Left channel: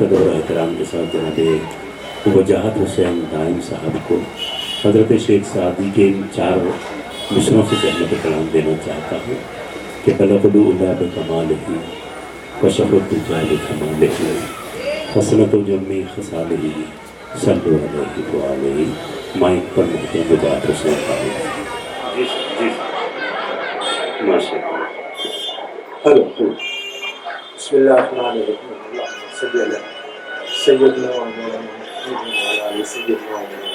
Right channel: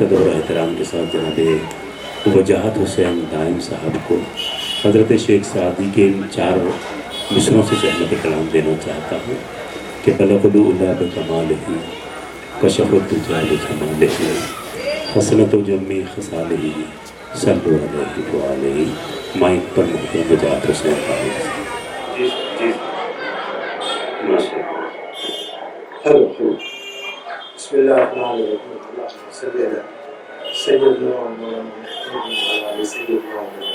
ادب اور احترام کے ساتھ جناب وجاہت حسین دائم صاحب کو حضرت شیخ سعدی کے ان 4 مصروں سے تحمت کلام دینا چاہتا ہوں کہ بلغ العلا بکمالہ کشف الدجى بجمالہ حسنۃ جمی خصالہ صلوا علیہ وآلہ. مائک پر محترم وجاہت حسین دائم. جی ماشاء اللہ. ہلو بسم اللہ الرحمن الرحیم. اللہم صلی علی سیدنا و مولانا محمد وعلی آل سیدنا و مولانا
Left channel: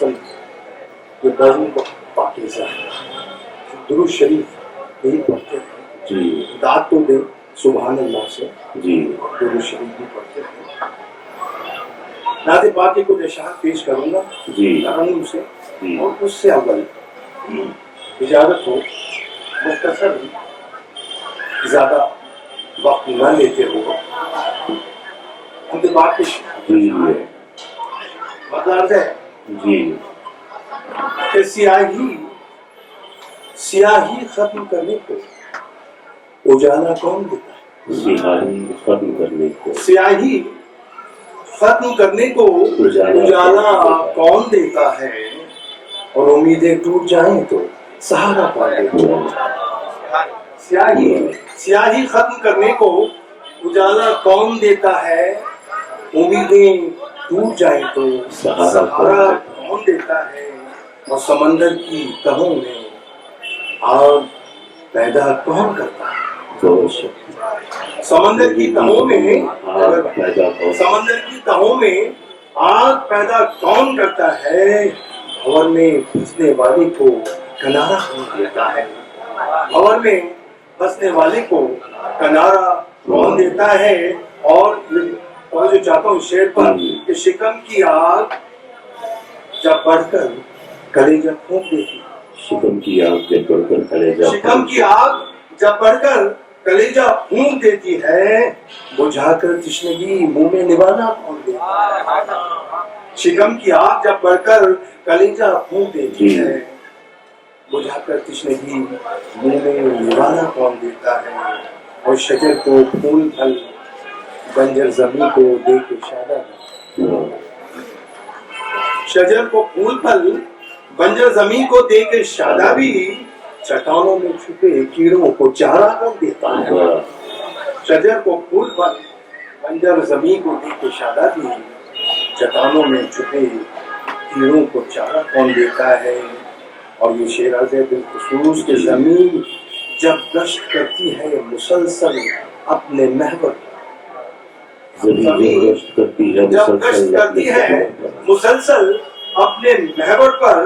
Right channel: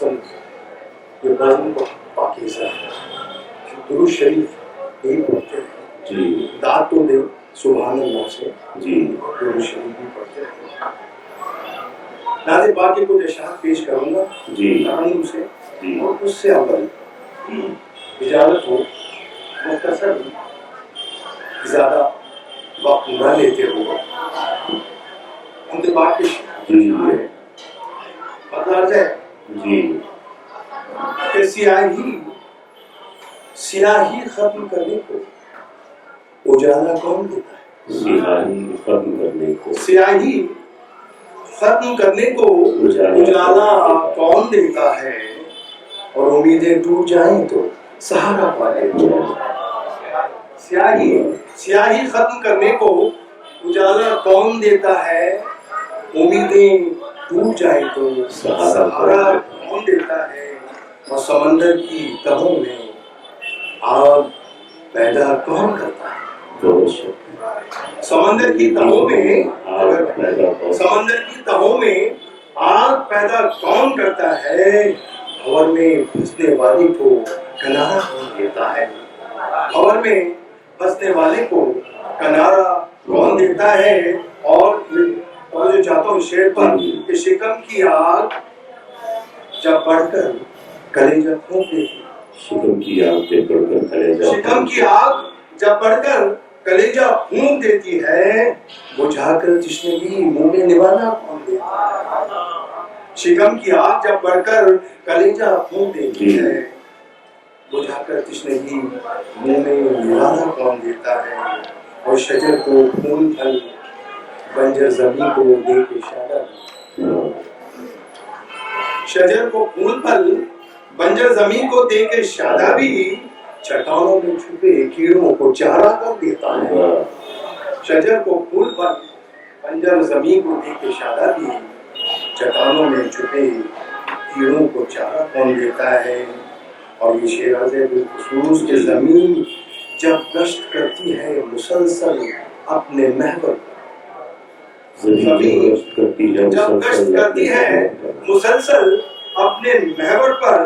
محمد. یہ بزم کو پاکیزہ ہے. درود شریف یہی پڑھتے ہیں جی. داد تو دے سبحان اللہ سے. جی. درود شریف بھی پڑھتے ہیں. نعت پاک کی کچھ اشعار پیش کروں گا جی. ترنم سے جی. اور اس سے اول اجازت ہو مختصر زیادہ وقت نہ لیتے ہو انتباہ کے جی. مطلب ہے جی. کہ سیاہی ختم کرنے کو اجالا کون دیتا ہے؟ سیاہی ختم کرنے کو سیاہی ختم کرنے کو اجالا کون دیتا ہے؟ اور امیدیں ٹوٹ جائیں تو سہارا کون دیتا ہے؟ سیاہی ختم کرنے کو اجالا کون دیتا ہے؟ امیدیں ٹوٹ جائیں تو سہارا کون دیتا ہے؟ اور سمندر کی تہوں میں آگ پیدا کون کرتا ہے؟ سمندر کی تہوں میں آگ پیدا کون کرتا ہے؟ بھور میں پھنسنے والے کو کنارا کون دیتا ہے؟ بھور میں پھنسنے والے کو کنارا کون دیتا ہے؟ اور جو چاہتا ہوں شعر پر کہ شکم کی آگ جب بڑھ کر کلیجہ پھونک دیتی. شکم کی آگ جب بڑھ کر کلیجہ شکم کی آگ جب بڑھ کر کلیجہ پھونک دیتی ہے بجھا کر تشنگی منہ میں نوالا کون دیتا ہے؟ شکم کی آگ جب بڑھ کر کلیجہ پھونک دیتی ہے بجھا کر تشنگی منہ میں نوالا کون دیتا ہے؟ اور شجر کو پھول پھل بنجر زمین کو دے کے شادہ. شجر کو پھول پھل بنجر زمین کو دے کے شادابی چٹانوں میں چھپے کیڑوں کو چارہ کون دیتا ہے؟ شجر کو پھول پھل بنجر زمین کو دے کے شادابی چٹانوں میں چھپے کیڑوں کو چارہ کون دیتا ہے؟ اور یہ شعر عرض ہے بالخصوص کہ زمین جب گشت کرتی ہے مسلسل اپنے محور زمین جب گشت کرتی ہے مسلسل اپنے محور پر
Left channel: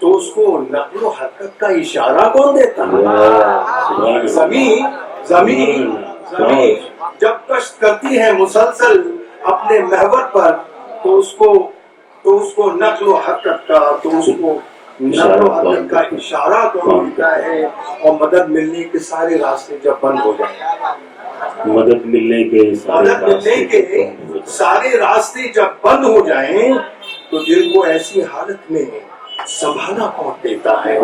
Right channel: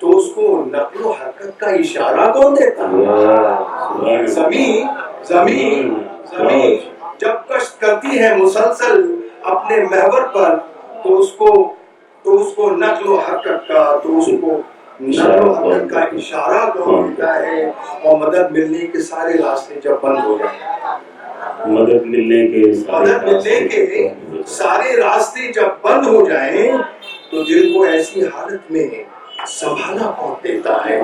تو اس کو نقل و حرکت کا اشارہ کون دیتا ہے؟ زمین جب گشت کرتی ہے مسلسل اپنے محور پر تو اس کو نقل و حرکت کا اشارہ کون دیتا ہے؟ اور مدد ملنے کے سارے راستے جب بند ہو جائیں مدد ملنے کے سارے راستے جب بند ہو جائیں تو دل کو ایسی حالت میں سنبھالا کون دیتا ہے؟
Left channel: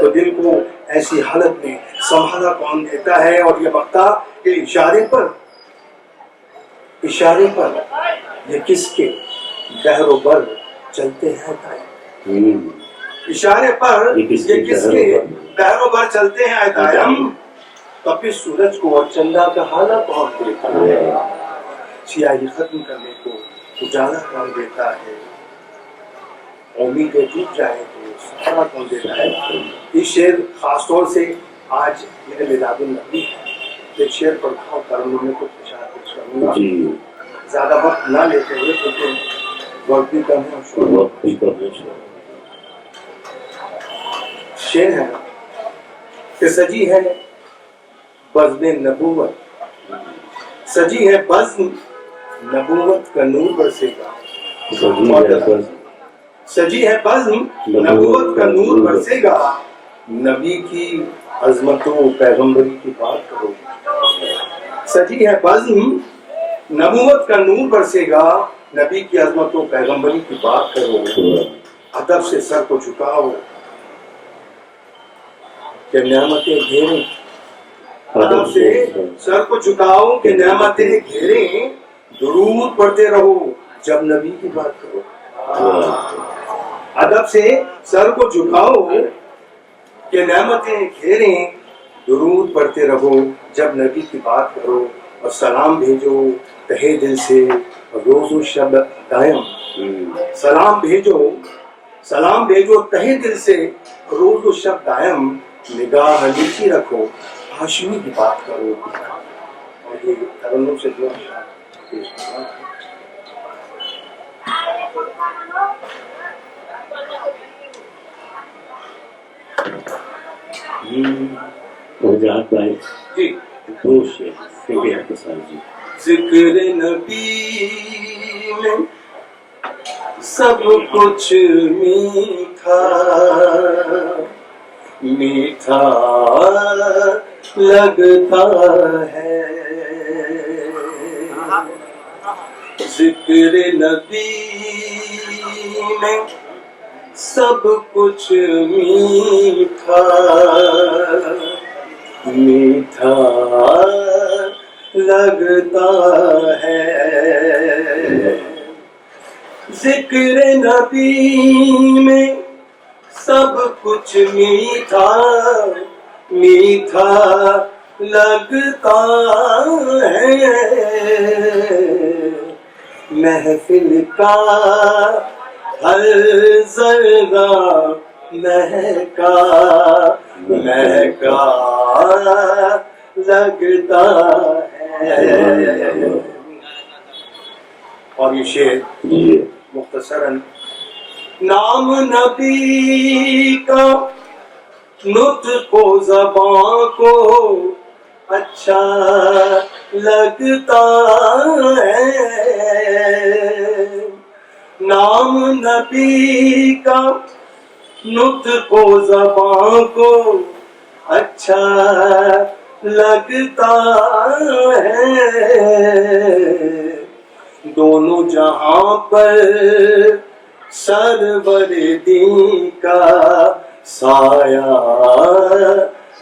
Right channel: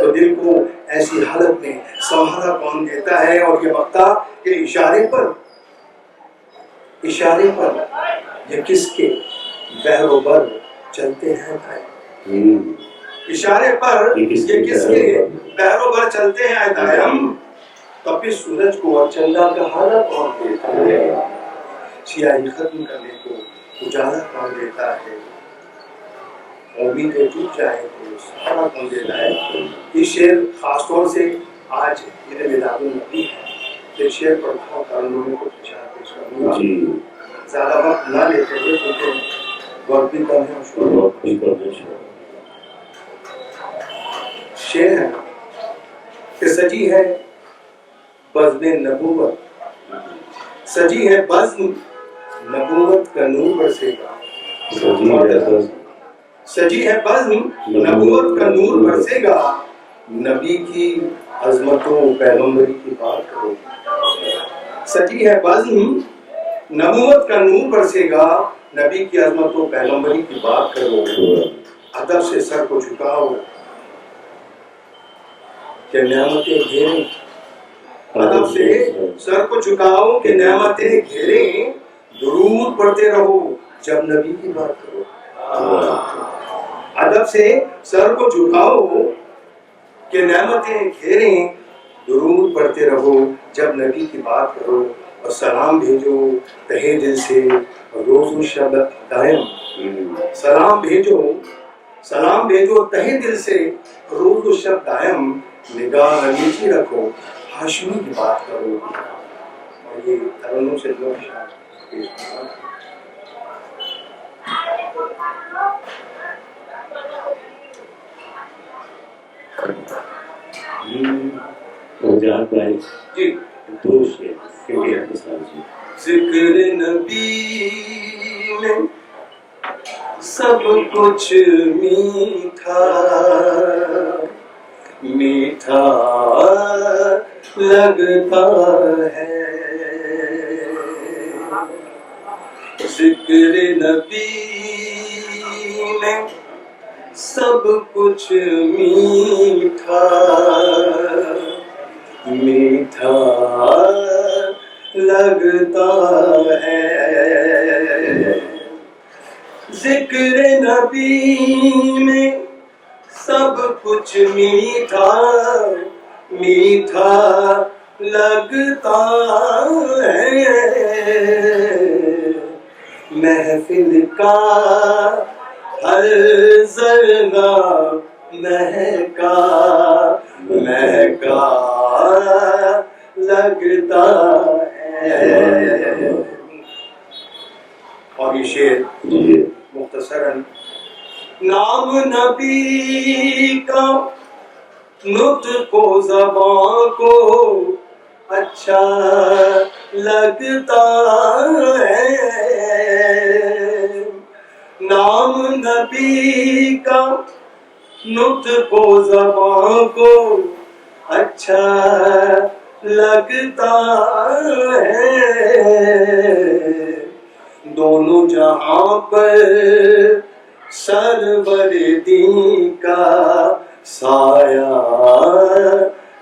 تو دل کو ایسی حالت میں سنبھالا کون دیتا ہے؟ اور یہ وقتہ کہ اشارے پر یہ کس کے بحر و بر چلتے ہیں دائم. اشارے پر یہ کس کے بحر و بر چلتے ہیں دائم. تپش سورج کو اور چندہ کا حالہ کون دیتا ہے؟ سیاہی ختم کرنے کو اجالا کون دیتا ہے؟ امیدیں ٹوٹ جائیں تو سہارا کون دیتا ہے؟ یہ شعر خاص طور سے آج میرے میلاد النبی ہے. ایک شعر پڑھتا ہوں ترنم میں کچھ اشعار پیش کروں گا. زیادہ وقت نہ لیتے ہوئے کیونکہ وقت بھی کم ہے. شعر ہے کہ سجی ہے بزم نبوت کا نور برسے گا. سجی ہے بزم نبوت کا نور برسے گا. نبی کی عظمت و پیغمبری کی بات کرو. سجی ہے بزم نبوت کا نور برسے گا. نبی کی عظمت و پیغمبری کی بات کرو. ادب سے سر کو جھکاؤ کہ نعمتیں گھیریں. ادب سے سر کو جھکاؤ کہ نعمتیں گھیریں. درود پڑھتے رہو جب نبی کی بات کرو. ادب سے سر کو جھکاؤ کہ نعمتیں گھیریں. درود پڑھتے رہو جب نبی کی بات کرو. اور سلام بھیجو تہے دل سے روز و شب دائم. سلام بھیجو تہے دل سے روز و شب دائم. نگاہ نیچی رکھو ہاشمی کی بات کرو. اور یہ ترنم سے جو پیش کرنا ہے. رجعت بھائی جی دو شعر کیونکہ آپ کے ساتھ جی. ذکر نبی میں سب کچھ میٹھا میٹھا لگتا ہے. ذکر نبی میں سب کچھ میٹھا میٹھا لگتا ہے. ذکر نبی میں سب کچھ میٹھا میٹھا لگتا ہے. محفل کا ہر ذرہ مہکا مہکا لگتا ہے. اور یہ شعر مختصراً نام نبی کا نطق و زبان کو اچھا لگتا ہے. نام نبی کا نطق و زبان کو اچھا لگتا ہے. دونوں جہاں پر سرور دین کا سایہ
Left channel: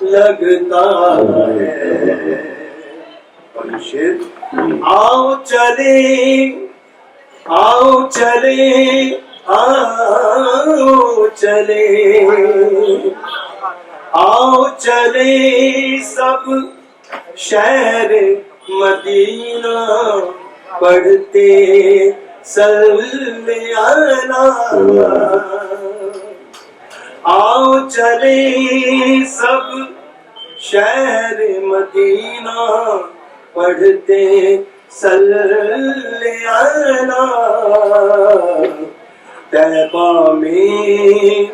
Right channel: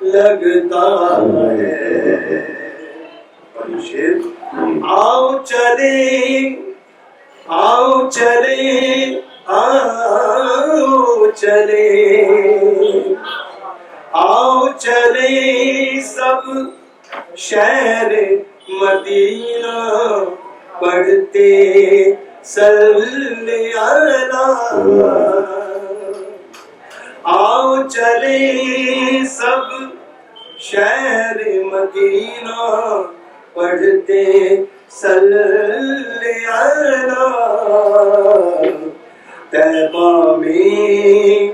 لگتا ہے. اور یہ شعر آؤ چلے آؤ چلے آؤ چلے آؤ چلے سب شہر مدینہ پڑھتے صلی علی. آؤ چلے سب شہر مدینہ پڑھتے صلی علی. طیبہ میں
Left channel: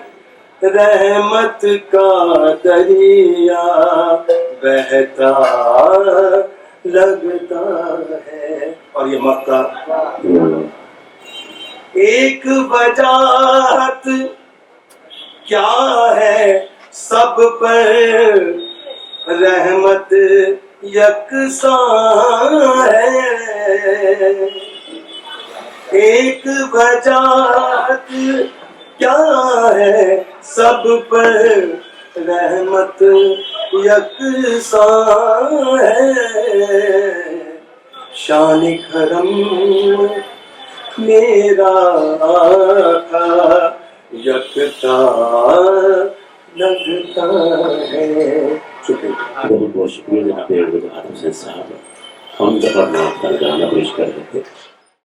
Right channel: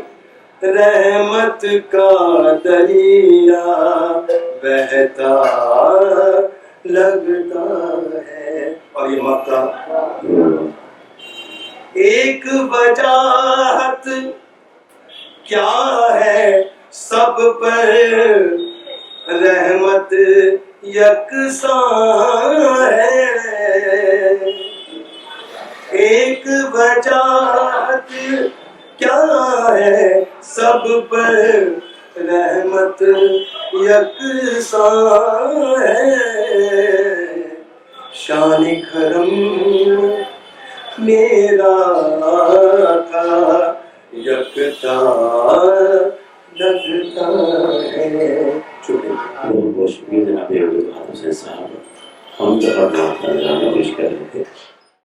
رحمت کا دریا بہتا لگتا ہے. اور یہ مکہ ایک وجاہت کیا ہے سب پر رحمت یکساں ہے. ایک وجاہت کیا ہے سب پر رحمت یکساں ہے. شان کرم میرا آقا یکتا لگتا ہے. شکریہ. بہت بہت شکریہ جناب عبدالحق حسین صاحب. ہم جب اپنا گانا پیش کر رہے تھے